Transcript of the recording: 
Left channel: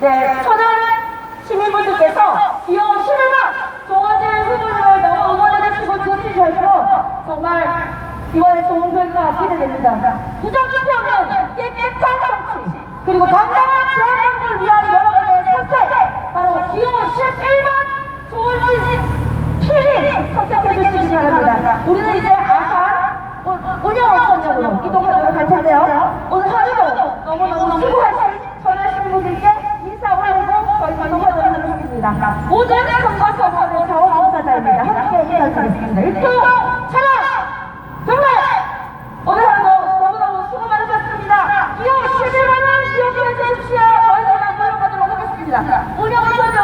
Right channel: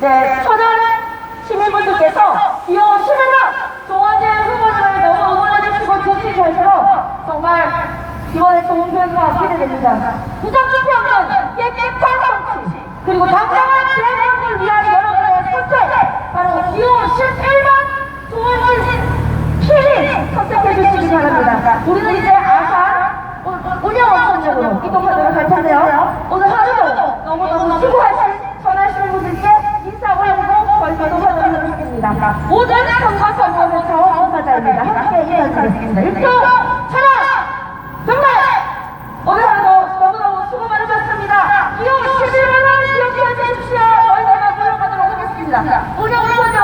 네, 천안 시민분들께서 귀여운 시민만 조원진 후보님을 너무 응원해 주시고 지지주셔서 정말 이번에 좋은 결과 기대됩니다. 부정투표 없는 깨끗한 정치 그리고 당당한 대한민국을 위한 여러분의 선택 바로 귀여운 11만 조원진 시민 선택해 주시기 바랍니다. 우리는 이제 아산 운영원천역으로 이동하도록 할 텐데요. 오늘 하루도 너무너무 수고하신 있습니다. 모든 선과 선거는 자원 봉사자입니다. 함께 인사드리겠습니다. 1초 철학 정말 오늘 하루도 너무너무 수고 많으셨습니다. 이후 11만원 기억해 주십시오. 저희들만 물러가도록 하겠습니다. 운영 우선제